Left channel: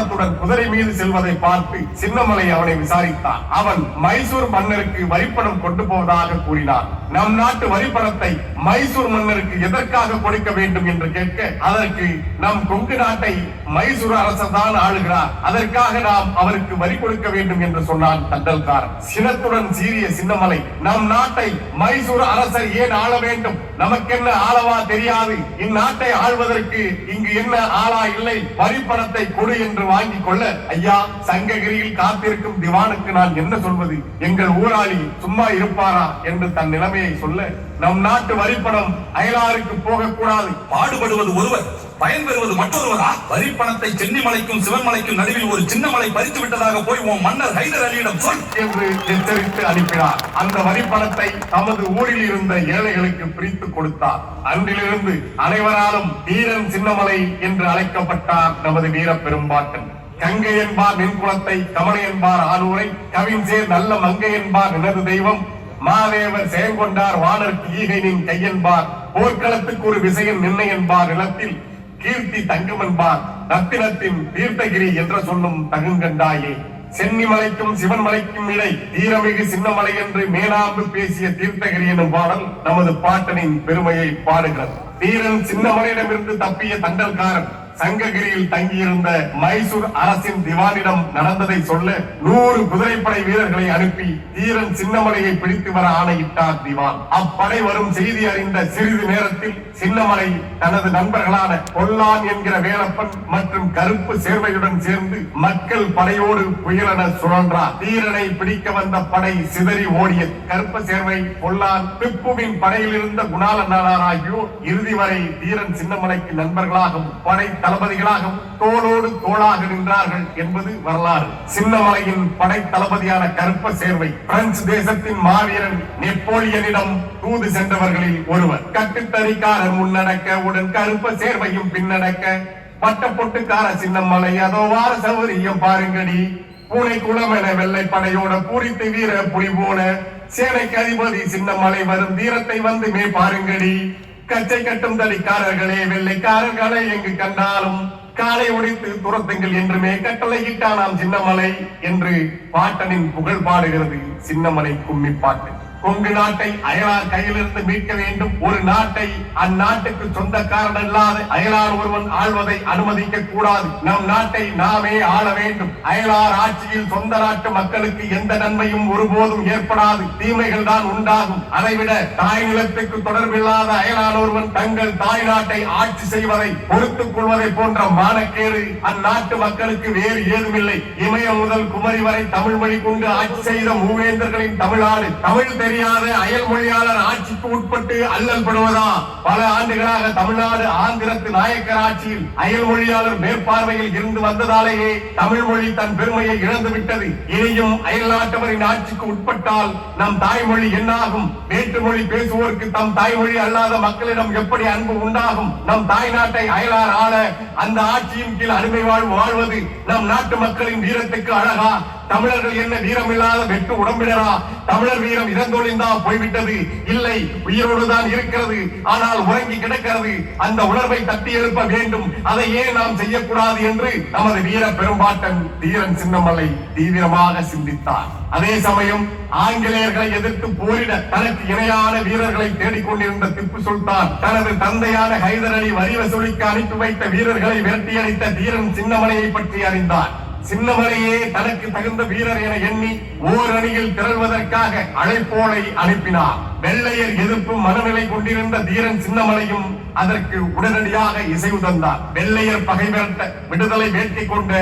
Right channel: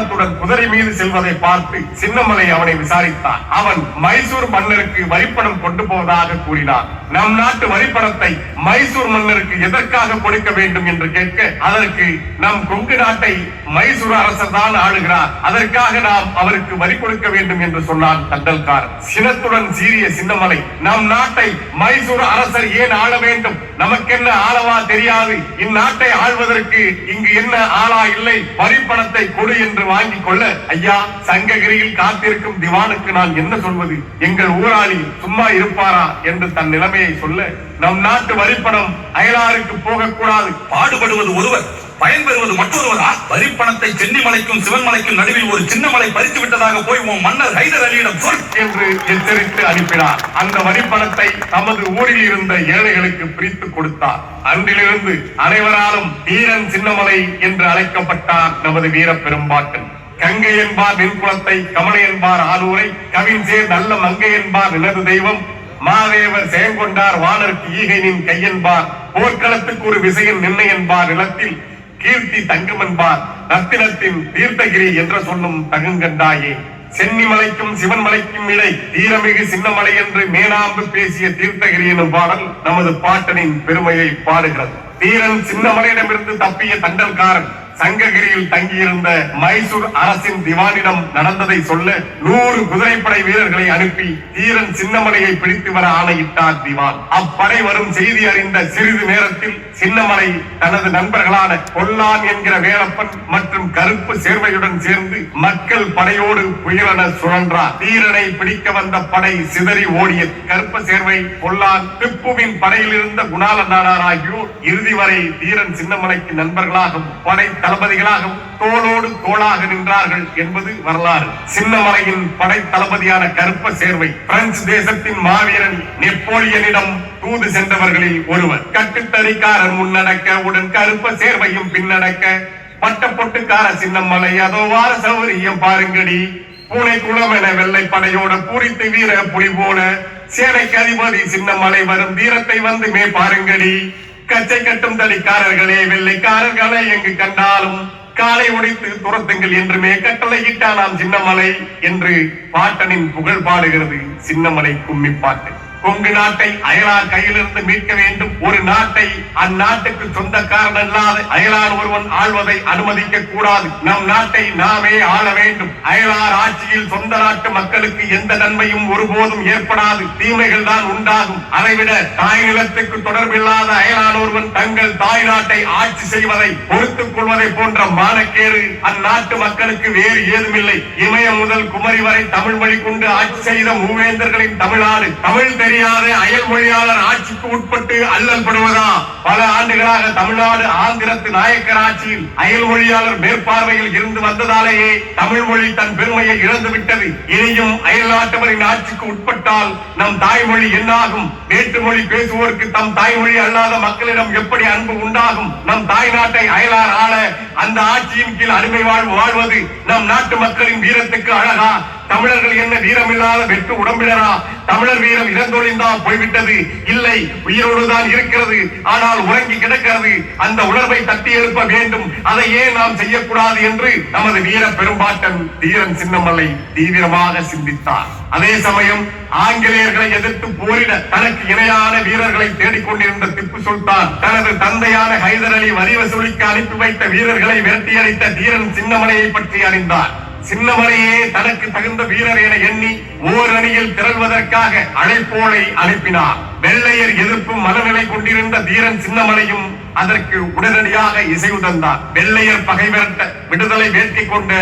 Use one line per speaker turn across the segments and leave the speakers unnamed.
வரிப்பணத்துடன் குதிரை மீது செல்வதை பார்த்து சின்னமலை அவனை விசாரித்தான். அவன் மைசூர் மன்னருக்கு வரிப்பணம் கொண்டு போவதாக கூறினான். நம் நாட்டு வரிப்பணத்தை மைசூர் மன்னருக்கு எதற்காக கொடுக்க வேண்டும் என்று கேட்க அதற்கு நம் கொங்கு நாட்டை மைசூர் அரசர் தான் ஆளுகிறார். அதற்காக நாம் அவருக்கு வரி கொடுக்க வேண்டும் என்று சொன்னான் தண்டல்கார் சினத்துடன் சீரிய சின்னமலை நம் நாட்டை மைசூர் அரசர் ஏன் ஆள வேண்டும்? நமக்கென்ன ஆளவா தெரியாது. இந்நாட்டை ஆள்வதற்கு இங்கு என்ன ஆளா இல்லை? வரிப்பணத்தை கொடு என்று வாங்கிக் கொள்ள ஐயா சங்ககிரியில் காத்திருக்கும் திவானுக்கு நான் என்ன சொல்வது? எங்கள் ஊராளி சும்மா இருப்பாரா என்று தன் நிலைமையை சொல்ல நம் நாட்டு வரிப்பணம் அயலாருக்கு போகக்கூடாது.
பாடுபடுவது ஒருவர். பயன்பெறுவது மற்றொருவரா? வரிப்பணத்தை சென்னிமலைக்கும் சிவன்மலைக்கும் நடுவில் ஒரு சின்ன மலை பறித்து விட்டதாக போய் உன் மன்னர் ஹைதர் அலியிடம் சொல்.
என்று எச்சரித்து அனுப்பினார். அந்த வரிப்பணத்தை தமது ஊரில் இருந்த ஏழைகளுக்கு பிரித்து கொடுத்தார். அன்றிலிருந்து அனைவராலும் வீரன் சின்னமலை என்று அழைக்கப்பட்டார் நமது வீர பெரும்பாட்டன் கங்கை என்பார் நின்குளத்தை கமலை என்பார் ஆலூரை கவின்சேர் நல்ல மங்கை என்பார் நினது தெய்வம் மாதேவர் செயங்கொண்டார் வானருக்கு ஈகையின் கையென்பார் போர்க்களத்துக்கு ஒரு விசையின் நின்னை என்பார் நிலத்தில் கீர்த்தி தங்கம் என்பார் ரத்தினத்தின் தீர்த்தகிரி என்று சொல்லும் தகுங்கண்டாயே. சென்னிமலைக்கும் சிவன்மலைக்கும் இடை தீரமிகு சின்னமலை என்று மேனாம்பு பேசிய தீர்த்தகிரி எனும் பாடல் நமது பாட்டனின் பெருமையை பாடுகிறது. தீரன் சின்னமலையிடமிருந்து தப்பிய தண்டல்காரன் சங்ககிரியில் தங்கியிருந்த மைசூர் அரசின் திவானிடம் நடந்ததை சொல்ல நூறு குதிரைப்படை வீரர்களை அனுப்பி தீரன் சின்னமலையை பிடித்து வர ஆணையிட்டார் திவான். அப்படை வரும் செய்தி அறிந்த சிறிது நேரத்தில் சின்னமலை தனது நண்பர்களான கொல்லான் என்கிற வேலப்பன் மற்றும் கருப்பு சேர்வையுடன் சேர்ந்து மக்கள் படையோடு புயலென சுழன்றார். தீரனை பிடிக்க வந்த படை சிதறி ஓடியது. கருப்ப சேர்வை கொல்லான் திப்புவின் படையில் இருந்த குணால நாடார் ஆகியோர் இறுதி வரை தீரன் சின்னமலைக்கு நண்பர்களாகவும் படை தளபதிகளாகவும் தோளோடு தோளாக நின்றார்கள் என்பது வரலாறு. சின்னமலையின் படை தளபதியான கருப்ப சேர்வை. பிரெஞ்சு தேசத்தின் மாவீரன் நெப்போலியனிடம் தூது சென்றவர்களில் ஒருவர். கட்டுத்தறிக்காரன் முன்னடக்க உடன் கருப்ப சேர்வையும் பின்னடக்க பட்டப்பொட்டுக்கார சின்னமலை அதோ வார சௌரியம் பாருங்கடி. பூனை குளம் என வெள்ளை படையோட பூரித்து வீர புலி போல சேனைக்கு அதிபதி சின்னமலை வரும் தீரத்தை வந்துமே பாருங்கடி. கச்சை கட்டும் தடிக்காரர்களே வெள்ளைக்காரர்களை எங்கு கண்டாலும் காலை உடைத்து துரத்துங்கள் என்றுமே கட்டளையிட்டானாம் சின்னமலை என்று பாட்டனின் புகழ் பாடுகிறது சின்னமலை கும்மி பாட்டு கொங்கு நாட்டை அயலார் கையிலிருந்து மீட்க வேண்டும். ஒரு நாட்டை அந்நாட்டுக்கு சொந்தக்காரன் அல்லாத அயலார் ஒருவன் ஆள்வதை அனுமதிக்க கூடாது நம் நாட்டை நாமே ஆள வேண்டும். அயலார் ஆட்சியில் சொந்த நாட்டு மக்களுக்கு எந்த நன்மையும் ஒருபோதும் ஏற்படாது. தீமைகள் தான் உண்டாகும். அதைவிட தாய் நிலத்துக்கு தொடர்பில்லாத அயலார் ஒருவன் தங்கள் தாய் நாட்டை ஆட்சி செய்வதை பொறுத்துக் கொள்வதை போன்ற மானக்கேடு அந்நாட்டு மக்களுக்கு வேறு ஏதுமில்லை. இமயம் முதல் குமரி வரை தமிழ் மொழி கொண்டு ஆட்சி செய்த மூவேந்தர்களின் தமிழ்நாடு. தமிழ் தெரியாத அயல் மொழியாளர் ஆட்சிக்கு உட்பட்டு அல்லல் படுவதா பல ஆண்டுகளாக தமிழ்நாடு ஆந்திரத்து நாயக்கர் ஆட்சியில் அயல் மொழியாளர் மேற்பார்வையில் இருந்து வந்ததாலேயே தமிழ் மொழி தன் பெருமையை இழந்து விட்டது. இனியும் அயல் நாட்டவரின் ஆட்சிக்கு உட்பட்டால் நம் தாய்மொழி என்னாகும்? வேற்று மொழி பேசுவோருக்கு தம் தாய்மொழி அல்லாத மக்களிடம் எப்படி அன்பு உண்டாகும்? நம் தாய் நாட்டை அயலார் ஆள அந்த ஆட்சியின் கீழ் அடிமை வாழ்வு வாழ்வது நம் நாட்டு மக்களின் வீரத்துக்கு அழகா? தமிழர்கள் என்ன வீரமில்லாத வெட்டு உடம்பிடரா தமிழர் வீரம் இறந்தொழிந்தான் போய்விட்டது. இல்லை உயிரோடுதான் இருக்கிறது. ஆனால் உறங்கி கிடக்கிறது. அந்த உணர்வை தட்டி எழுப்ப வேண்டும். அதை ஏன் நாம் செய்யக்கூடாது என்று நமது வீர பெரும்பாட்டன் தீரன் சின்னமலை தீவிரமாக சிந்தித்தார் அதே சமயம் ஆங்கிலேயர்களை எதிர்த்து போரிட தனக்கு இணையான வீரர்களை தேடிக்கொண்டிருந்த திப்பு சுல்தான் தனது தந்தையான ஹைதர் அலி வரி வசூலிக்க அனுப்பி வைத்த வீரர்களை விரட்டியடித்த தீரன் சின்னமலையை பற்றி அறிந்தார். சின்னமலையே தனக்கு தகுந்த வீரர் என எண்ணி ஓர் அணியில் திரள்வதற்காக அழைப்போலை அனுப்பினார். வெள்ளையர் எதிர்ப்பு மனநிலை கொண்டிருந்த தீரன் சின்னமலையும் அதற்கு உடனடியாக இசைவு தந்தார் வெள்ளையர் பகை விரட்ட விடுதலை வேட்கை கொண்ட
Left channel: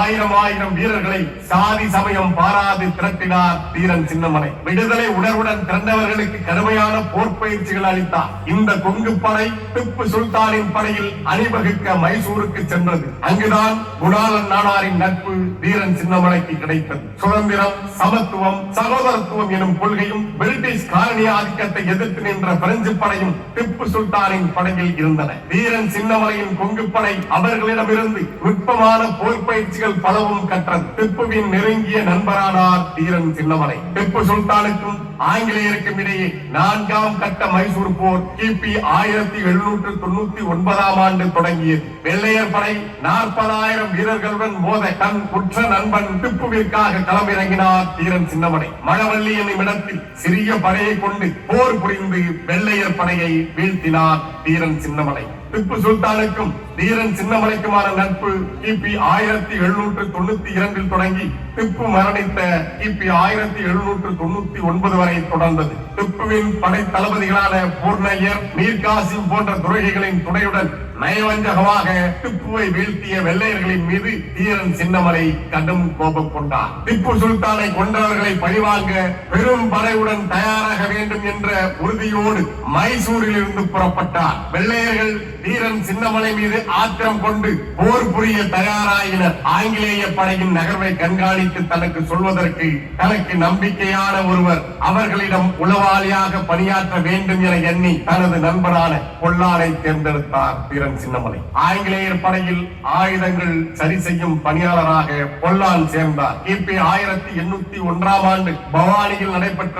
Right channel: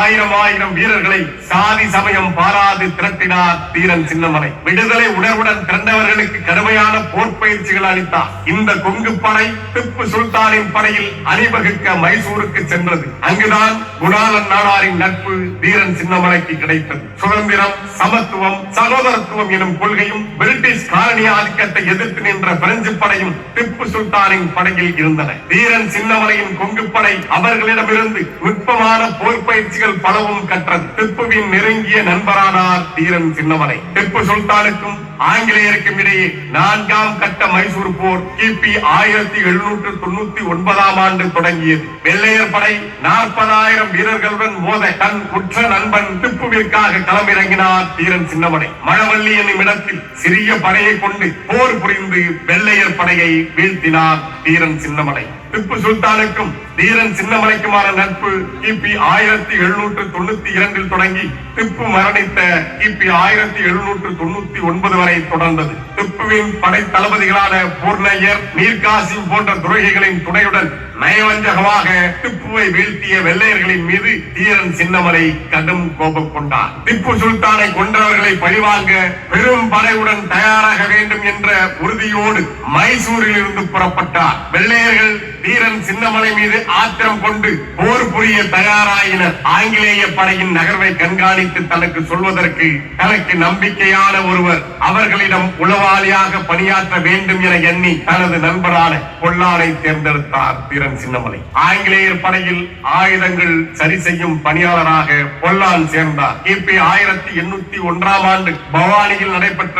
ஆயிரம் ஆயிரம் வீரர்களை சாதி சமயம் பாராது திரட்டினார் தீரன் சின்னமலை. விடுதலை உணர்வுடன் திரண்டவர்களுக்கு கடுமையான போர் பயிற்சிகள் அளித்தார். இந்த கொங்கு படை திப்பு சுல்தானின் படையில் அணிவகுக்க மைசூருக்கு சென்றது. அங்குதான் குணாலன் நாடாரின் நட்பு தீரன் சின்னமலைக்கு கிடைத்தது. சுதந்திரம் சமத்துவம் சகோதரத்துவம் எனும் கொள்கையும் பிரிட்டிஷ் காலனி ஆதிக்கத்தை எதிர்த்து நின்ற பிரெஞ்சு படையும் திப்பு சுல்தானின் படையில் இருந்தன. வீரன் சின்னமலையின் கொங்குப்படை அவர்களிடமிருந்து நுட்பமான போர் பயிற்சிகள் பலவும் கற்றது. திப்புவின் நெருங்கிய நண்பரானார் வீரன் சின்னமலை திப்பு சுல்தானுக்கும் ஆங்கிலேயருக்கும் இடையே நான்காம் கட்ட மைசூர் போர் கிபி ஆயிரத்தி எழுநூற்று தொண்ணூத்தி ஒன்பதாம் ஆண்டு தொடங்கியது. வெள்ளையர் படை நாற்பதாயிரம் வீரர்களுடன் மோத தன் உற்ற நண்பன் திப்புவிற்காக களமிறங்கினார் வீரன் சின்னமலை மழவள்ளி என்னும் இடத்தில் சிறிய படையை கொண்டு போர் புரிந்து வெள்ளையர் படையை வீழ்த்தினார் வீரன் தீரன் சின்னமலை திப்பு சுல்தானுக்கும் தீரன் சின்னமலைக்குமான நட்பு கிபி ஆயிரத்தி எழுநூற்று தொண்ணூத்தி இரண்டில் தொடங்கி திப்பு மரணித்த கிபி ஆயிரத்தி எழுநூற்று தொண்ணூத்தி ஒன்பது வரை தொடர்ந்தது. திப்புவின் படை தளபதிகளான பூர்ணையர் மீர்காசிம் போன்ற துரோகிகளின் துணையுடன் நயவஞ்சகமாக திப்புவை வீழ்த்திய வெள்ளையர்களின் மீது தீரன் சின்னமலை கடும் கோபம் கொண்டார். திப்பு சுல்தானை கொன்றவர்களை பழிவாங்க பெரும் படையுடன் தயாராக வேண்டும் என்ற உறுதியோடு மைசூரில் இருந்து புறப்பட்டார். வெள்ளையர்கள் வீரன் சின்னமலை மீது ஆத்திரம் கொண்டு போர் புரிய தயாராயினர். ஆங்கிலேய படையின் நகர்வை கண்காணித்து தனக்கு சொல்வதற்கு தனக்கு நம்பிக்கையான ஒருவர் அவர்களிடம் உளவாளியாக பணியாற்ற வேண்டும் என எண்ணி தனது நண்பரான பொல்லானை தேர்ந்தெடுத்தார் வீரன் சின்னமலை. ஆங்கிலேயர் படையில் ஆயுதங்கள் சரி செய்யும் பணியாளராக பொல்லான் சேர்ந்தார். கிபி ஆயிரத்தி எண்ணூத்தி ஒன்றாம் ஆண்டு பவானியில் நடைபெற்ற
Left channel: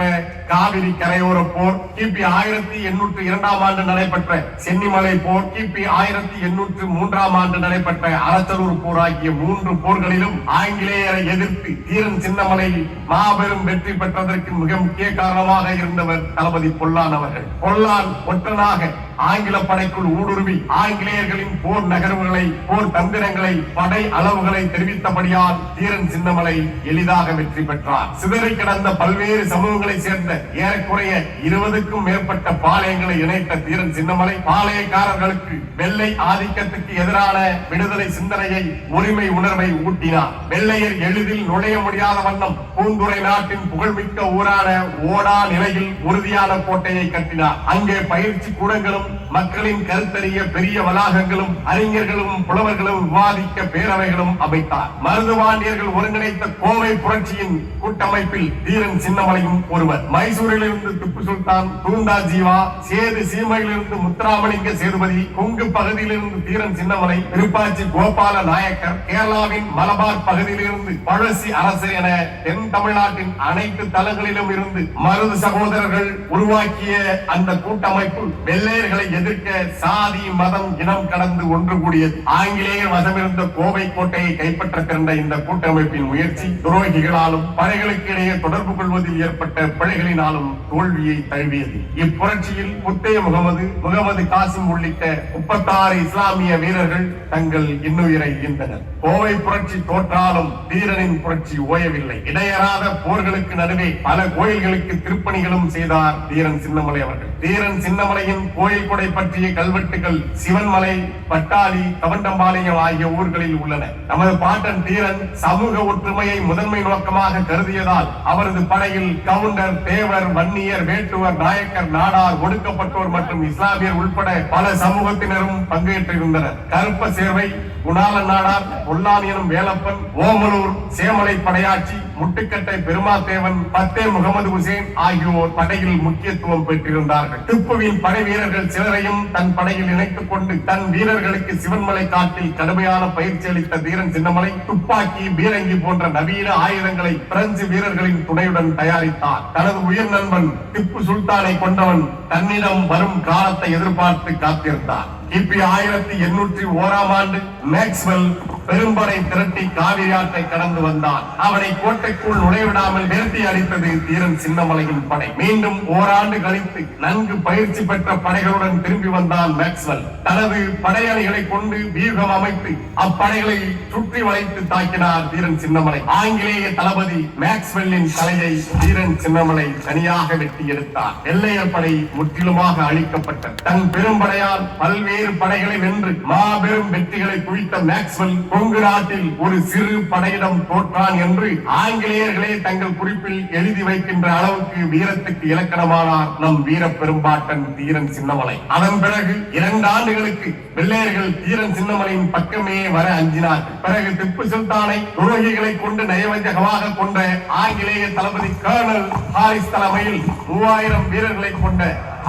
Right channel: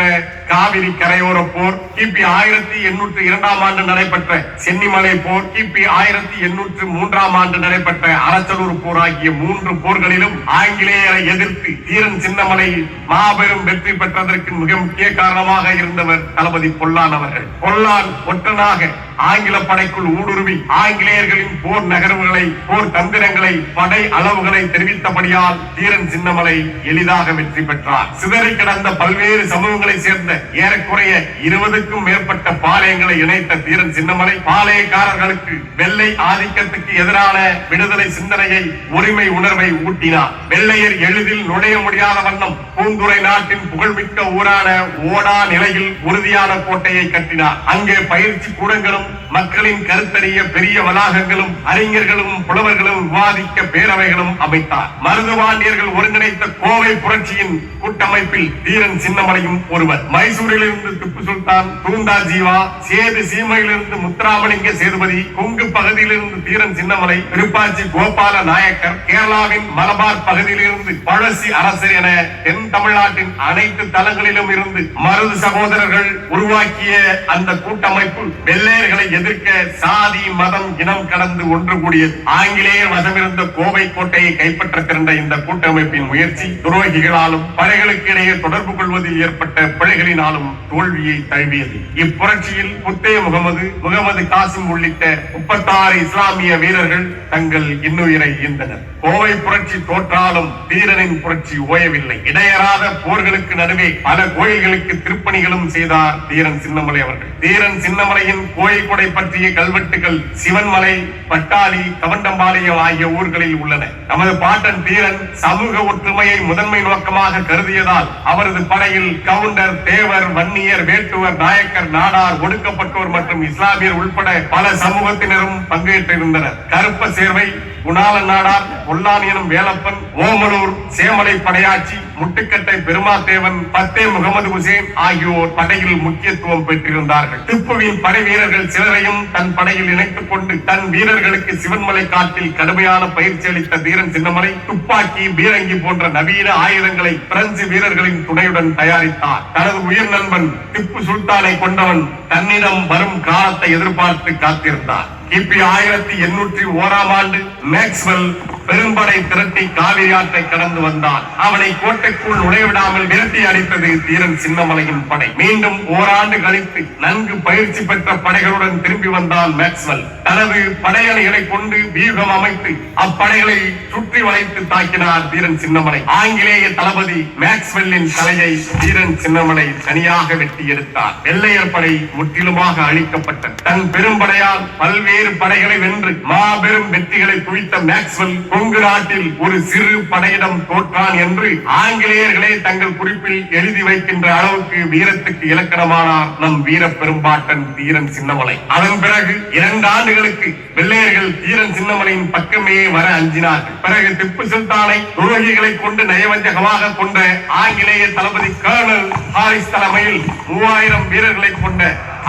காவிரி கரையோர போர் கிபி ஆயிரத்தி எண்ணூற்றி இரண்டாம் ஆண்டு நடைபெற்ற சென்னிமலை போர் கிபி ஆயிரத்தி எண்ணூற்று மூன்றாம் ஆண்டு நடைபெற்ற அரசலூர் போர் ஆகிய மூன்று போர்களிலும் ஆங்கிலேயரை எதிர்த்து தீரன் சின்னமலை மாபெரும் வெற்றி பெற்றதற்கு மிக முக்கிய காரணமாக இருந்தவர் தளபதி பொல்லான் அவர்கள். பொல்லான் ஒற்றனாக ஆங்கில படைக்குள் ஊடுருவி ஆங்கிலேயர்களின் போர் நகர்வுகளை போர் தந்திரங்களை படை அளவுகளை தெரிவித்தபடியால் தீரன் சின்னமலை எளிதாக வெற்றி பெற்றார். சிதறி கிடந்த பல்வேறு சமூகங்களை சேர்ந்த ஏறக்குறைய இருபதுக்கும் மேற்பட்ட பாளையங்களை இணைத்த தீரன் சின்னமலை பாளையக்காரர்களுக்கு வெள்ளை ஆதிக்கத்துக்கு எதிரான விடுதலை சிந்தனையை உரிமை உணர்வை ஊட்டினார். வெள்ளையர் எளிதில் நுழைய முடியாத வண்ணம் பூந்துரை நாட்டின் புகழ்மிக்க ஊரான ஓடா நிலையில் உறுதியான கோட்டையை கட்டினார். அங்கே பயிற்சி கூடங்களும் மக்களின் கருத்தறிய பெரிய வளாகங்களும் அறிஞர்களும் புலவர்களும் விவாதிக்க பேரவைகளும் அமைத்தார். மருதுவாண்டியர்கள் ஒருங்கிணைத்த கோவை புரட்சியின் கூட்டமைப்பில் தீரன் சின்னமலையும் ஒருவர். மைசூரிலிருந்து திப்பு சுல்தான் தூந்தா ஜீவா சேது சீமையிலிருந்து முத்துராமலிங்க சேதுபதி கொங்கு பகுதியிலிருந்து தீரன் சின்னமலை திருப்பாச்சி கோபால நாயக்கர் கேரளாவின் மலபார் பகுதியிலிருந்து பழசி அரசர் என தென் தமிழ்நாட்டின் அனைத்து தளங்களிலும் இருந்து மருது சகோதரர்கள் உருவாக்கிய அந்த கூட்டமைப்பு. வெள்ளையர்கள் அவர்களை எதிர்க்க சாதி மதம் இனம் கடந்து ஒன்று கூடிய ஆங்கிலேயர் வசமிருந்த கோவை கோட்டையை கைப்பற்ற திரண்ட இந்த கூட்டமைப்பின் முயற்சி துரோகிகளாலும் படைகளுக்கு இடையே தொடர்பு கொள்வதில் ஏற்பட்ட பிழைகளினாலும் தோல்வியை தழுவியது. இப்புரட்சியில் முத்தைய முகமது முகமது காசிம் உள்ளிட்ட முப்பத்தாறு இஸ்லாமிய வீரர்கள் தங்கள் இன்னுயிரை ஈந்தனர். கோவை புரட்சி தோற்றாலும் வீரனின் புரட்சி ஓயவில்லை. இடையராத போர்களுக்கு நடுவே பல கோயில்களுக்கு திருப்பணிகளும் செய்தார் தீரன் சின்னமலை அவர்கள். தீரன் சின்னமலையின் கோயில் கொடை பற்றிய கல்வெட்டுகள் சிவன்மலை பட்டாளி தவண்டம்பாளையம் ஆகிய ஊர்களில் உள்ளன. நமது பாட்டன் தீரன் சமூக ஒற்றுமையை முதன்மை நோக்கமாக கருதியதால் அவரது படையில் கவுண்டர் தேவர் வன்னியர் வேட்டுவர் நாயக்கர் நாடார் ஒடுக்கப்பட்டோர் மற்றும் இஸ்லாமியர் உட்பட பல சமூகத்தினரும் பங்கேற்றிருந்தனர். கருப்ப சேர்வை குணால நாடார் பொல்லான் எனும் வேலப்பன் ஓமலூர் சேமலை படையாட்சி முட்டுக்கட்டை பெருமாத்தேவன் பத்தே முகமது ஹுசேன் ஆகியோர் படையில் முக்கியத்துவம் பெற்றிருந்தார்கள். திப்புவின் படை வீரர்கள் சிலரையும் தன் படையில் இணைத்துக் கொண்டு தன் வீரர்களுக்கு சிவன்மலை காட்டில் கடுமையான பயிற்சி அளித்த தீரன் சின்னமலை துப்பாக்கி பீரங்கி போன்ற நவீன ஆயுதங்களை பிரெஞ்சு வீரர்களின் துணையுடன் தயாரித்தார். தனது உயிர் நண்பன் திப்பு சுல்தானை கொண்டவன் தன்னிடம் வரும் காலத்தை எதிர்பார்த்து காத்திருந்தார். கிபி ஆயிரத்தி எண்ணூற்றி ஓராம் ஆண்டு மேக்ஸ்வெல் பெரும்படை திரட்டி காவிரி ஆற்றை கடந்து வந்தான் அவனை கோட்டைக்குள் நுழைவிடாமல் விரட்டி அடித்தது தீரன் சின்னமலையின் படை. மீண்டும் ஓராண்டு கழித்து நன்கு பயிற்சி பெற்ற படைகளுடன் திரும்பி வந்தான் மேக்ஸ்வெல். தனது படையணிகளை கொண்டு வியூகம் அமைத்து அப்படைகளை சுற்றி வளைத்து தாக்கினார் தீரன் சின்னமலை. ஆங்கிலேய தளபதி மேக்ஸ்வெல்லின் தலையை தீரன் சின்னமலை தனியாக வெட்டி எடுத்தார். வெள்ளையர் படை முற்றிலுமாக அழிக்கப்பட்டது. தன் பெரும்படையால் பல்வேறு படைகளை வென்று மாபெரும் வெற்றிகளை குவித்த மேக்ஸ்வெல் கொங்கு நாட்டில் ஒரு சிறு படையிடம் தோற்றான் என்று ஆங்கிலேயர்களே தங்கள் குறிப்பில் எழுதி வைக்கின்ற அளவுக்கு வீரத்துக்கு இலக்கணமானார் நம் வீர பெரும்பாட்டன் தீரன் சின்னமலை. அதன் பிறகு இரண்டு ஆண்டுகளுக்கு வெள்ளையர்கள் தீரன் சின்னமலையின் பக்கமே வர அஞ்சினார்கள். பிறகு திப்பு சுல்தானை துரோகிகளை கொண்டு நயவஞ்சகமாக கொண்ட ஆங்கிலேய தளபதி கர்னல் ஹாரிஸ் தலைமையில் மூவாயிரம் வீரர்களை கொண்ட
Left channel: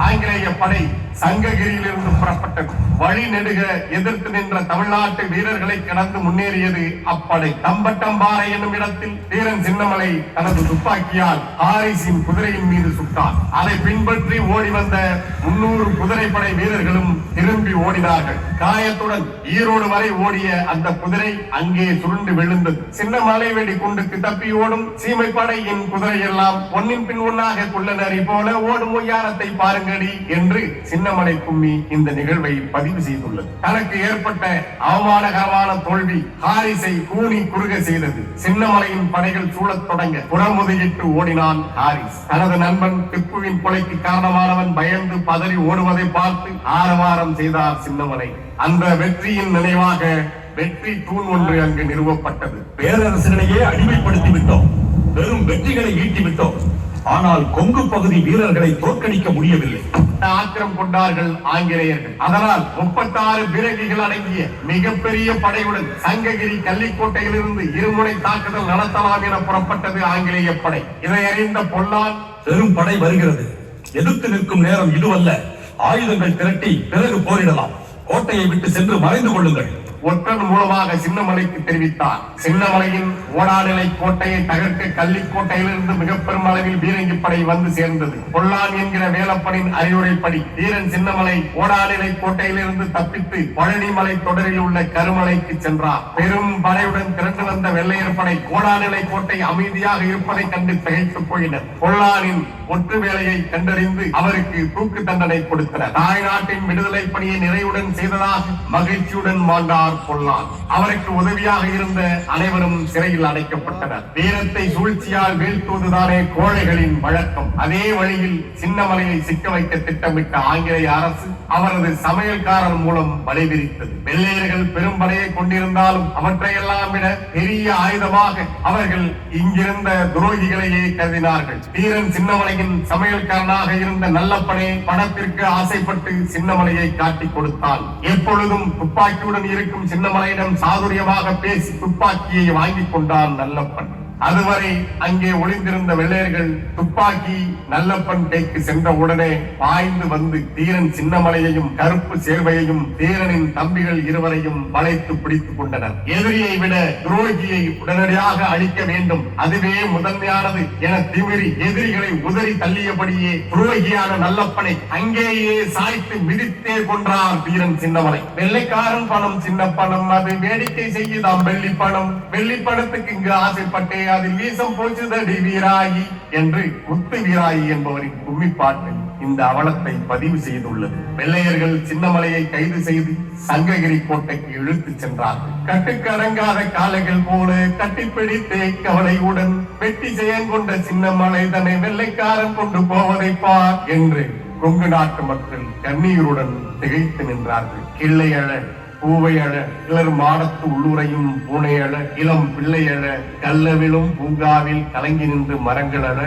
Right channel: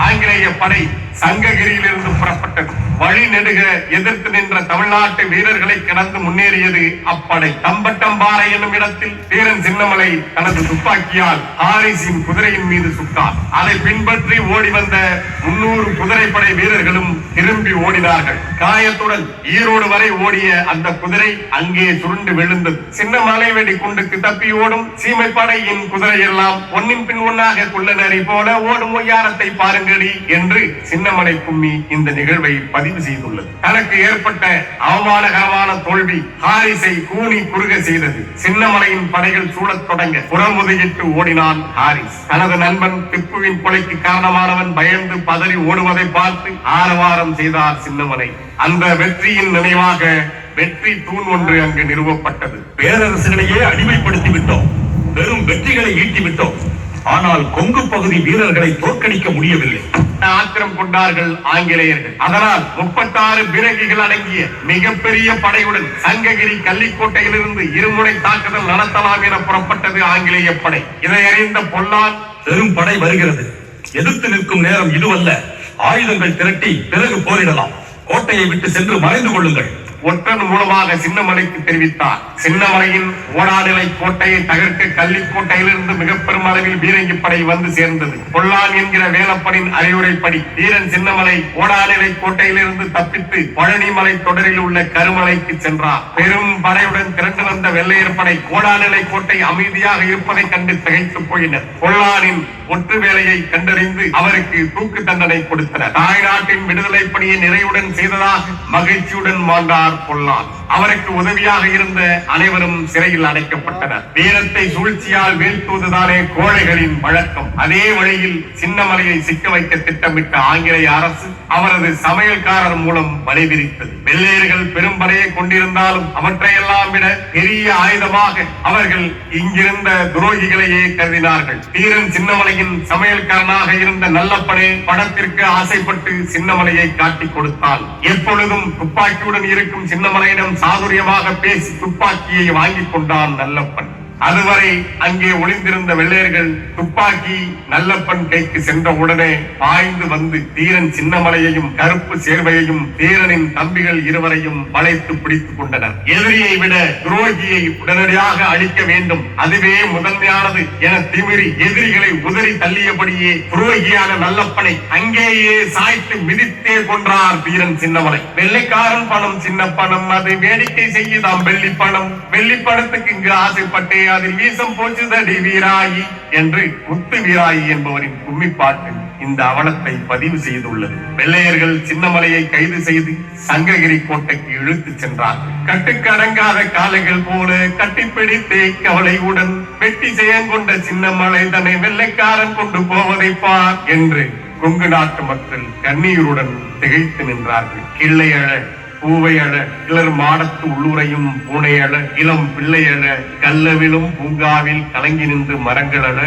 ஆங்கிலேய படை சங்ககிரியிலிருந்து புறப்பட்டது. வழி நெடுக எதிர்த்து நின்ற தமிழ்நாட்டு வீரர்களை கடந்து முன்னேறியது அப்படை தம்பட்டம்பாறை என்னும் இடத்தில். வீரன் சின்னமலை தனது துப்பாக்கியால் ஹாரிஸின் குதிரையின் மீது சுட்டார் அதை பின்பற்றி ஓடி வந்த முன்னூறு குதிரைப்படை வீரர்களும் திரும்பி ஓடினார்கள். காயத்துடன் ஈரோடு வரை ஓடிய அந்த குதிரை அங்கே சுருண்டு விழுந்தது. சின்னமலை வெடி குண்டுக்கு தப்பி ஓடும் சீமைப்படையின் குதிரை எல்லாம் ஒன்னின் பின் ஒன்னாக குள்ளநரி போல ஓடும் ஒய்யாரத்தை பாருங்கடி என்று சின்னமலை கும்மி இந்த நிகழ்வை பதிவு செய்துள்ளது. தனக்கு ஏற்பட்ட அவமானகரமான தோல்வி ஹாரிஸை கூனி குறுக செய்தது. சின்னமலையின் படைகள் சூழத் தொடங்க புறமுதுகிட்டு ஓடினான் ஹாரிஸ். தனது நண்பன் திப்புவின் கொலைக்கு காரணமானவன் பயந்து பதறி ஓடுவதை பார்த்து ஆரவாரம் செய்தார் சின்னமலை. அந்த வெற்றியின் நினைவாக வெற்றி தூண் ஒன்று அங்கு நிறுவப்பட்டது.
பேரரசுகளையே அடிமைப்படுத்தி விட்டோம் பெரும் வெற்றிகளை ஈட்டி விட்டோம் ஆனால் கொங்கு பகுதி வீரர்களை தோற்கடிக்க முடியவில்லை.
ஆத்திரம் கொண்டார்கள் ஆங்கிலேயர்கள். அதனால் முப்பத்தாறு பீரங்கிகள் அடங்கிய மிகப்பெரிய படையுடன் சங்ககிரி கள்ளிக்கோட்டையிலிருந்து இருமுனை தாக்குதல் நடத்தலாம் என புறப்பட்டது ஆங்கிலேய படை. இதை அறிந்த பொல்லான்
பெரும் படை வருகிறது. எதிர்த்து நிற்கும் நேரம் இதுவல்ல. ஆயுதங்கள் திரட்டி பிறகு போரிடலாம். கோட்டையை விட்டு சென்று மறைந்து கொள்ளுங்கள்.
ஒற்றன் மூலமாக சின்னமலைக்கு தெரிவித்தார். சின்னமலையின் ஓடாநிலை கோட்டையை தகர்க்க கள்ளிக்கோட்டையிலிருந்து மிக பெரும் அளவில் பீரங்கி படை வந்து சேர்ந்தது. பொல்லான் என்கிற வேலப்பனின் அறிவுரைப்படி வீரன் சின்னமலை ஓடாநிலை கோட்டையிலிருந்து தப்பித்து பழனிமலை தொடரில் உள்ள கருமலைக்கு சென்றார். பெரும் படையுடன் திரண்டு வந்த வெள்ளையர் படை ஓடாநிலை கோட்டை அமைதியாக இருப்பதை கண்டு திகைத்து போயினர். பொல்லானின் ஒற்று வேலையை கண்டறிந்து அவருக்கு தூக்கு தண்டனை கொடுத்தனர். தாய்நாட்டின் விடுதலை பணியை நிறைவுடன் செய்ததாக மகிழ்ச்சியுடன் வாழ்ந்தார் பொல்லான் அவருக்கு உதவியாக இருந்த அனைவரும் சிறையில் அடைக்கப்பட்டனர். வீரத்தை சூழ்ச்சியால் வீழ்த்துவதுதானே கோழைகளின் வழக்கம். அதே வழியில் சின்னமலையை சிக்க வைக்க திட்டமிட்ட ஆங்கிலேய அரசு அவரது சமையல்காரர் மூலம் வலைவிரித்தது வெள்ளையர்கள் பெரும் படையை கொண்டிருந்தாலும் அவற்றையெல்லாம் விட பெரிய ஆயுதமாக அவர்கள் இங்கிருந்த துரோகிகளையே கருதினார்கள். வீரன் சின்னமலையின் சமையல்காரனாக இருந்த நல்லப்படே படத்திற்கு ஆசைப்பட்டு சின்னமலையை காட்டிக் கொடுத்தான் எப்பொழுதும் துப்பாக்கியுடன் இருக்கும் சின்னமலையிடம் சாதுரியமாக பேசி துப்பாக்கியை வாங்கிக் கொண்டான் நல்லப்பன். அதுவரை அங்கே ஒளிந்திருந்த வெள்ளையர்கள் துப்பாக்கி நல்லப்பன் கைக்கு சென்ற உடனே பாய்ந்து வந்து தீரன் சின்னமலையையும் கருப்பு சேர்வையையும் தீரனின் தம்பிகள் இருவரையும் வளைத்து பிடித்துக் கொண்டனர். எதிரியை விட துரோகியை உடனடியாக அழிக்க வேண்டும். அதுவே முதன்மையானது என திமிரி எதிரிகளை உதறி தள்ளியபடியே துரோகியான நல்லப்பனை அங்கேயே சாய்த்து மிதித்தே கொன்றார் வீரன் சின்னமலை. வெள்ளைக்காரன் பணம் சின்ன பணம் அதை வேடிக்கை செய்யுதாம் வெள்ளி பணம் வெள்ளி பணத்துக்கு இங்கு ஆசைப்பட்டேன் அதில் வீசம் போச்சுதடி வீராயி என்று முத்து வீராயி என்பவரின் கும்மிப்பாட்டு இந்த அவலத்தை பதிவு செய்துள்ளது. வெள்ளையர்கள் சின்னமலையை கைது செய்து சங்ககிரி கோட்டைக்கு இழுத்து சென்றார்கள். கட்டுக்கடங்காத அடங்காத காளைகள் போல கட்டிப்பிடித்தே கவலையுடன் வெட்டி செயன் கொண்ட சின்னமலை தன்னை வெள்ளைக்காரன் கொண்டு போவதை பார் என்று கொங்கு நாட்டு மக்கள் கண்ணீருடன் திகைத்து நின்றார்கள். கிள்ளையழ பூவையழ இளர் மாடத்து உள்ளுரையும் பூனையழ இளம் பிள்ளையழ கல்லவிலும் பூங்காவில் கலங்கி நின்று மரங்களழ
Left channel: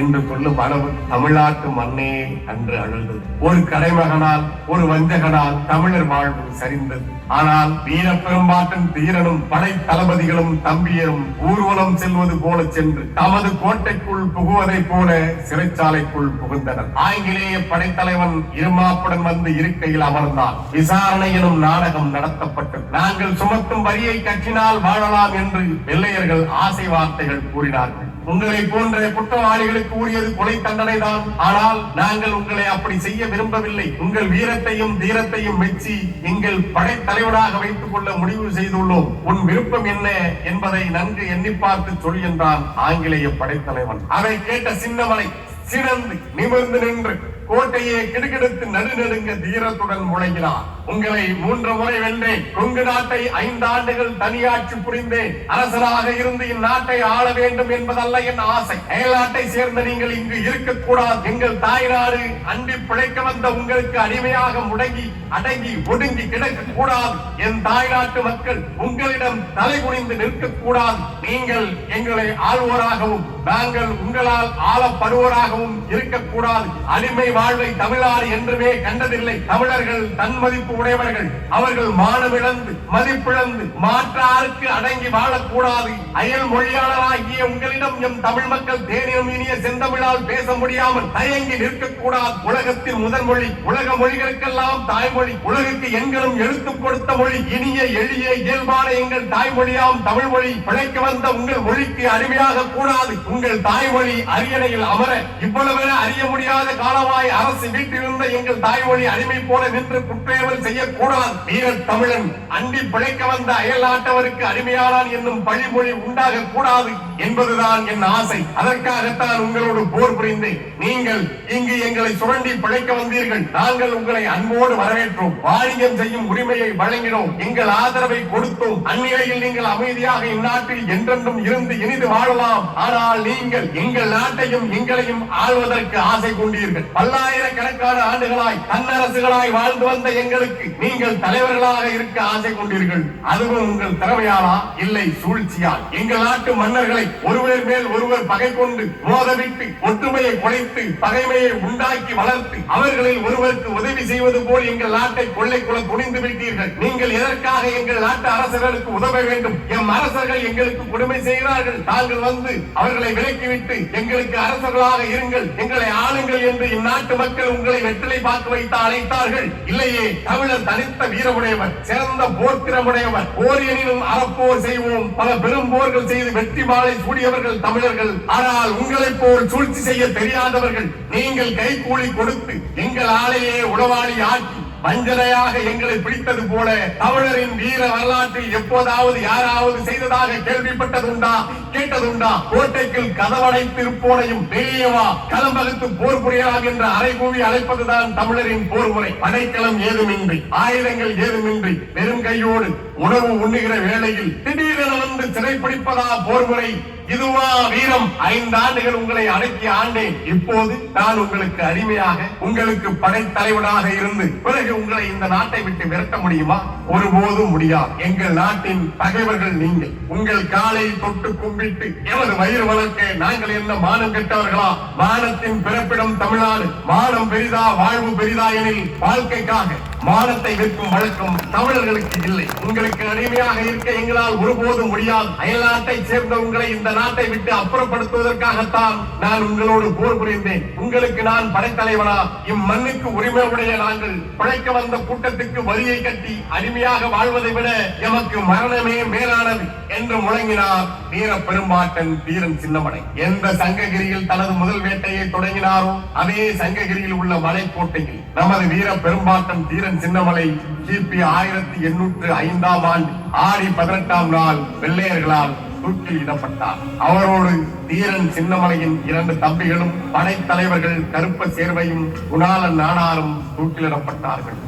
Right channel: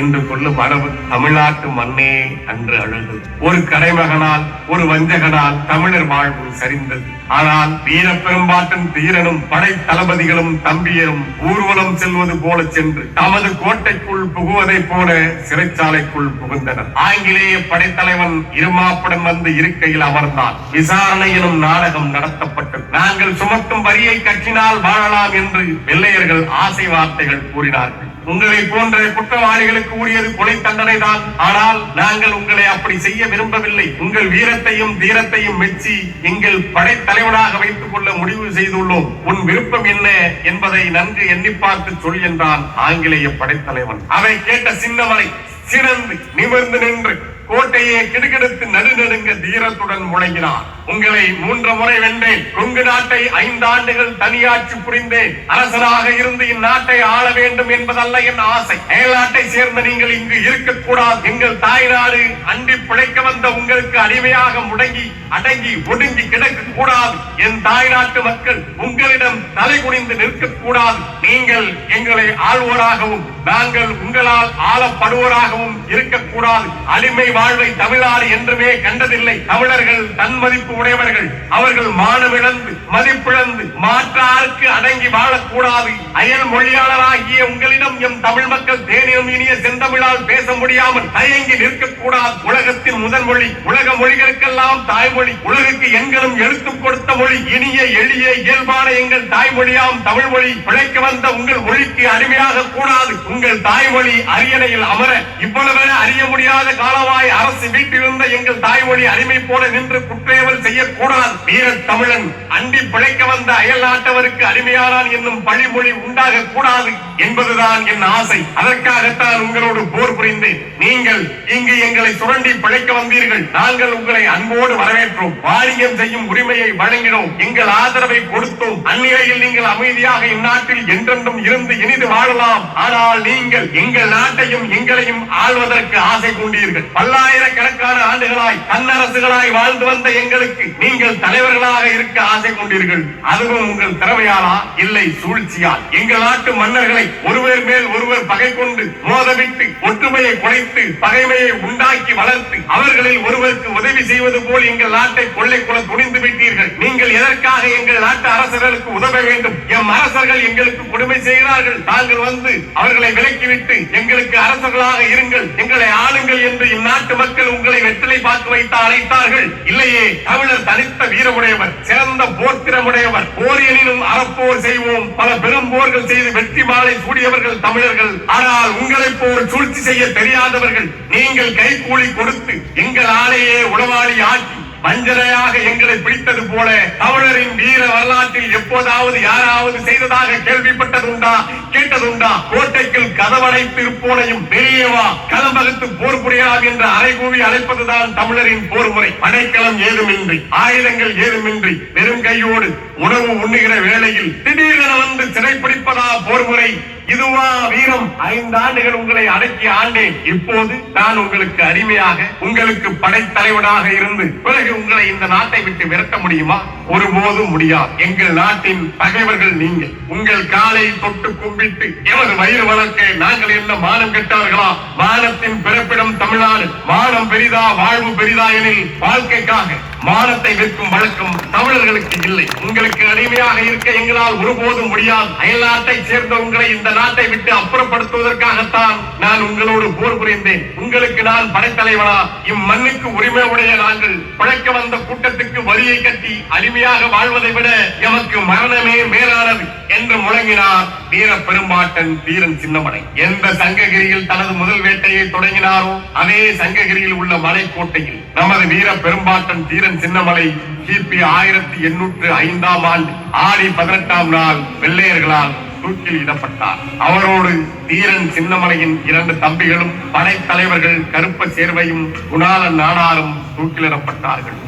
என்று சொல்லும் அளவு தமிழ்நாட்டு மண்ணே அன்று அழுது. ஒரு கடைமகனால் ஒரு வஞ்சகனால் தமிழர் வாழ்வு சரிந்தது. ஆனால் வீர பெரும்பாட்டன் தீரனும் படை தளபதிகளும் தம்பியரும் ஊர்வலம் செல்வது போல சென்று தமது கோட்டைக்குள் புகுவதைப் போல சிறைச்சாலைக்குள் புகுந்தனர். ஆங்கிலேய படைத்தலைவன் இருமாப்புடன் வந்து இருக்கையில் அமர்ந்தான். விசாரணை எனும் நாடகம் நடத்தப்பட்டது. நாங்கள் சுமத்தும் வரியை கட்டினால் வாழலாம் என்று வெள்ளையர்கள் ஆசை வார்த்தைகள் கூறினார்கள். உங்களை போன்ற குற்றவாளிகளுக்கு உரியது கொலை தண்டனை தான் ஆனால் நாங்கள் உங்களை அப்படி செய்ய விரும்பவில்லை. உங்கள் வீரத்தையும் தீரத்தையும் மெச்சி எங்கள் படைத்தலைவனாக வைத்துக் கொள்ள முடிவு செய்துள்ளோம். உன் விருப்பம் என்ன என்பதை நன்கு எண்ணி பார்த்து சொல் என்றான் ஆங்கிலேய படைத்தலைவன் அதை கேட்ட சின்னமலை சிறந்து நிமிர்ந்து நின்று கோட்டையை கிடுகிடுத்து நடுநடுங்க தீரத்துடன் முழங்கினார் உங்களை மூன்று முறை வென்றேன். கொங்கு நாட்டை ஐந்து ஆண்டுகள் தனியாட்சி புரிந்தேன். அரசனாக இருந்து இந்நாட்டை ஆள வேண்டும் என்பதல்ல என் ஆசை. அயல்நாட்டை சேர்ந்த நீங்கள் இங்கு இருக்கக்கூடாது. எங்கள் தாய்நாடு அண்டி பிழைக்க வந்த உங்களுக்கு அடிமையாக முடங்கி அடங்கி ஒடுங்கி கிடக்க கூடாது என் தாய்நாட்டு மக்கள் உங்களிடம் தலை குனிந்து நிற்க கூடாது நீங்கள் எங்களை ஆள்வோராகவும் நாங்கள் உங்களால் ஆளப்படுவோராகவும் இருக்கக்கூடாது. அடிமை வாழ்வை தமிழ்நாடு என்றுமே கண்டதில்லை. தமிழர்கள் தன்மதிப்பு உடையவர்கள். அவர்கள் மானமிழந்து மதிப்பிழந்து மாற்றாருக்கு அடங்கி வாழக்கூடாது. அயல் மொழியாளராகிய உங்களிடம் எம் தமிழ் மக்கள் தேனியம் இனிய செந்தமிழால் பேச முடியாமல் தயங்கி நிற்கக்கூடாது. உலகத்தின் முதல் மொழி உலக மொழிகளுக்கெல்லாம் தாய்மொழி உலகுக்கு எங்களும் எழுத்து கொடுத்த மொழி இனிய எளிய இயல்பான எங்கள் தாய்மொழியாம் தமிழ் மொழி. பிழைக்க வந்த உங்கள் மொழிக்கு அடிமையாக கூடாது. உங்கள் தாய்மொழி அரியணையில் அமர இவ்வளவு அறிய முடியாத காலமாய் அரசு வீட்டிலிருந்த எங்கள் தாய்மொழி அடிமை போல நின்று குற்றேவல் செய்யக்கூடாது. வீர தமிழன் அண்டி பிழைக்க வந்த அயல் நாட்டவருக்கு அடிமையானான் என்னும் பழிமொழி உண்டாக கூடாது என்பதுதான் என் ஆசை. அதற்காகத்தான் உங்களோடு போர் புரிந்தேன். நீங்கள் இங்கு எங்களை சுரண்டி பிழைக்க வந்தீர்கள். நாங்கள் உங்களை அன்போடு வரவேற்றோம். வாரியம் செய்யும் உரிமையை வழங்கினோம். எங்கள் ஆதரவை கொடுத்தோம். அந்நிலையில் நீங்கள் அமைதியாக இந்நாட்டில் என்றென்றும் இருந்து இனிது வாழலாம். ஆனால் நீங்கள் எங்கள் நாட்டையும் எங்களையும் ஆள்வதற்கு ஆசை கொண்டீர்கள். பல்லாயிரக்கணக்கான ஆண்டுகளாய் தன்னரசுகளாய் வாழ்ந்து வந்த எங்களுக்கு நீங்கள் தலைவர்களாக இருக்க ஆசை கொண்டீர்கள். அதுவும் உங்கள் திறமையாலா? இல்லை சூழ்ச்சியால். எங்கள் நாட்டு மன்னர்களை ஒருவர் மேல் ஒருவர் பகை கொண்டு மோதவிட்டு ஒற்றுமையை குலைத்து பகைமையை உண்டாக்கி வளர்த்து அவர்களில் ஒருவருக்கு உதவி செய்வது போல் எங்கள் நாட்டை கொள்ளை கொள்ளைக்குள்ள துணிந்து விட்டீர்கள். நீங்கள் எதற்காக எங்கள் நாட்டு அரசர்களுக்கு உதவ வேண்டும்? எம் அரசர்கள் எங்களுக்கு கொடுமை செய்கிறார்கள். தாங்கள் வந்து அவர்களை விலக்கிவிட்டு எங்களுக்கு அரசர்களாக இருங்கள். எங்களை ஆளுங்கள் என்று இந்நாட்டு மக்கள் உங்களை வெற்றிலை பார்த்து வைத்து அழைத்தார்கள். இல்லையே தமிழ் தமிழர் தனித்த வீரமுடையவர் சிறந்த போர்த்திறமுடையவர் போரியனிலும் அறப்போர் செய்வோம். பல பெரும் போர்கள் செய்து வெற்றி மாலை சூடியவர்கள் தமிழர்கள். ஆனால் உங்களை போல் சூழ்ச்சி செய்ய தெரியாதவர்கள் நீங்கள் கைகூலி கொடுத்து எங்கள் ஆலையே உளவாளி ஆக்கி வஞ்சனையாக எங்களை பிடித்தது போல தமிழரின் வீர வரலாற்றில் எப்போதாவது யாராவது செய்ததாக கேள்விப்பட்டதுண்டா? கேட்டதுண்டா? கோட்டைக்குள் கதவடைத்து இருப்போனையும் பெரியவா களம்பகத்து போர் புரியலாம் என்று அரைகூவி அழைப்பதுதான் தமிழரின் போர் முறை. படைக்களம் ஏதுமின்றி ஆயுதங்கள் ஏதுமின்றி வெறும் கையோடு உணவு உண்ணுகிற வேளையில் திடீரென வந்து சிறைப்பிடிப்பதா போர் முறை? இதுவா வீரம். ஐந்து ஆண்டுகள் உங்களை அடக்கி ஆண்டேன். இப்போது நான் உங்களுக்கு அடிமையாக உங்களுக்கு படைத்தலைவனாக இருந்து பிறகு உங்களை இந்த நாட்டை விட்டு விரட்ட முடியுமா? ஒருபோதும் முடியாது. எங்கள் நாட்டின் பகைவர்கள் நீங்கள். உங்கள் காலை தொட்டு கும்பிட்டு எமது வயிறு வளர்க்க நாங்கள் என்ன மானம் கெட்டார்களா? மானத்தின் பிறப்பிடம் தமிழ்நாடு. மானம் பெரிதா வாழ்வு பெரிதா எனில் வாழ்க்கைக்காக மானத்தை விற்கும் வழக்கம் தமிழர்களுக்கு இல்லை. உங்களுக்கு அடிமையாக இருக்க எங்களால் ஒருபோதும் முடியாது. அயல்நாட்டை சேர்ந்த உங்களை இந்த நாட்டை விட்டு அப்புறப்படுத்துவதற்காகத்தான் நான் உங்களோடு போர் புரிந்தேன். உங்களுக்கு நான் படைத்தலைவனா? இம்மண்ணுக்கு உரிமை உடைய நாங்கள் பிழைக்க வந்த கூட்டத்துக்கு வரியை கட்டி மகிழ்ச்சியாக வாழ்வதை விட எமக்கு மரணமே மேலானது என்று முழங்கினார் வீர பெரும்பாட்டன் வீரன் சின்னமலை எந்த சங்ககிரியில் தனது முதல் வேட்டையை தொடங்கினாரோ அதே சங்ககிரியில் உள்ள மலைக்கோட்டையில் நமது வீர பெரும்பாட்டன் வீரன் சின்னமலை கிபி ஆயிரத்தி எண்ணூற்று ஐந்தாம் ஆண்டு ஆடி பதினெட்டாம் நாள் வெள்ளையர்களால் தூக்கில் இடப்பட்டார். அவரோடு தீரன் சின்னமலையின் இரண்டு தம்பிகளும் படைத்தலைவர்கள் கருப்ப சேர்வையும் குணால நாடாரும் தூக்கிலிடப்பட்டார்கள்.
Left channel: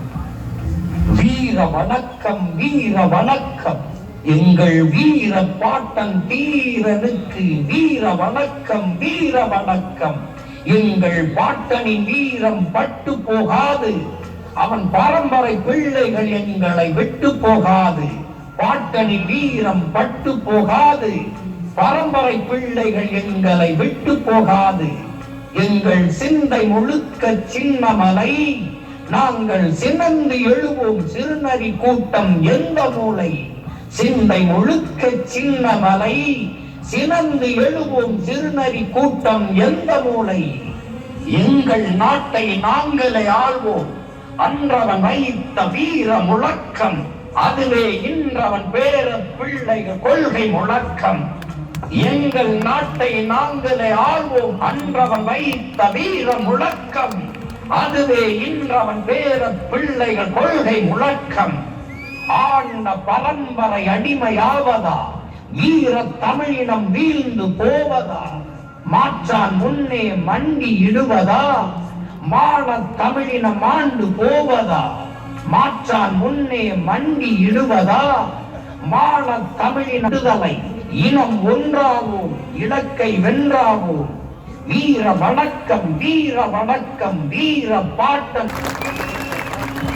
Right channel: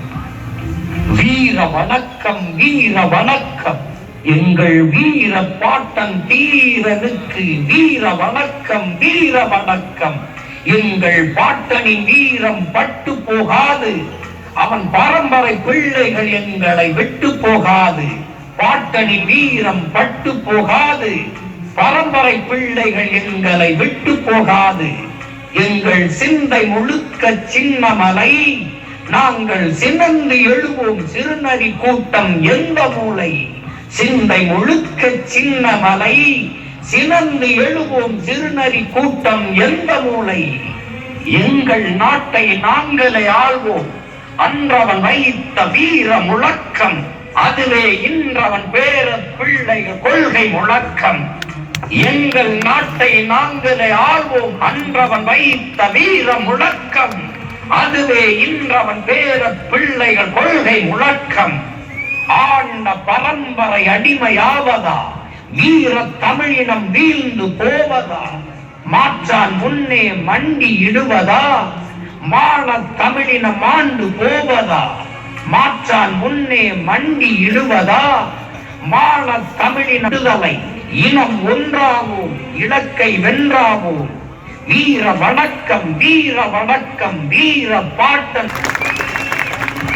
வீர வணக்கம் வீர வணக்கம். எங்கள் வீர பாட்டன் தீரனுக்கு வீர வணக்கம் வீர வணக்கம். எங்கள் பாட்டனின் வீரம் பட்டு போகாது. அவன் பரம்பரை பிள்ளைகள் எங்களை விட்டு போகாது. பாட்டனின் வீரம் பட்டு போகாது. பரம்பரை பிள்ளைகள் எங்களை விட்டு போகாது. எங்கள் சிந்தை முழுக்க சின்னமலை. நாங்கள் சினந்து எழுவோம் சிறுநறி கூட்டம் எந்த மூலை? சிந்தை முழுக்க சின்னமலை. சினந்து எழுவோம் சிறுநறி கூட்டம் எந்த மூலை? எங்கள் நாட்டை நாங்களே ஆள்வோம். அன்றவன் வைத்த வீர முழக்கம். அதுவே இன்றவன் பேர பிள்ளை கொள்கை முழக்கம். எங்கள் நாட்டை நாங்களே ஆள்வோம். அன்றவன் வைத்த வீர முழக்கம். அதுவே இன்றவன் பேர பிள்ளைகள் கொள்கை முழக்கம் ஆண்ட பரம்பரை அடிமையாவதா? வீர தமிழினம் வீழ்ந்து போவதா? மாற்றான் முன்னே மண்டி இடுவதா? மாள தமிழினம் ஆண்டு போவதா? மாற்றான் முன்னே மண்டி இடுவதா? மாள தமிழின விடுதலை இனம் ஒன்றாகும் இலக்கை வென்றாகும் வீர வணக்கம் வீர வணக்கம் வீர பாட்டன்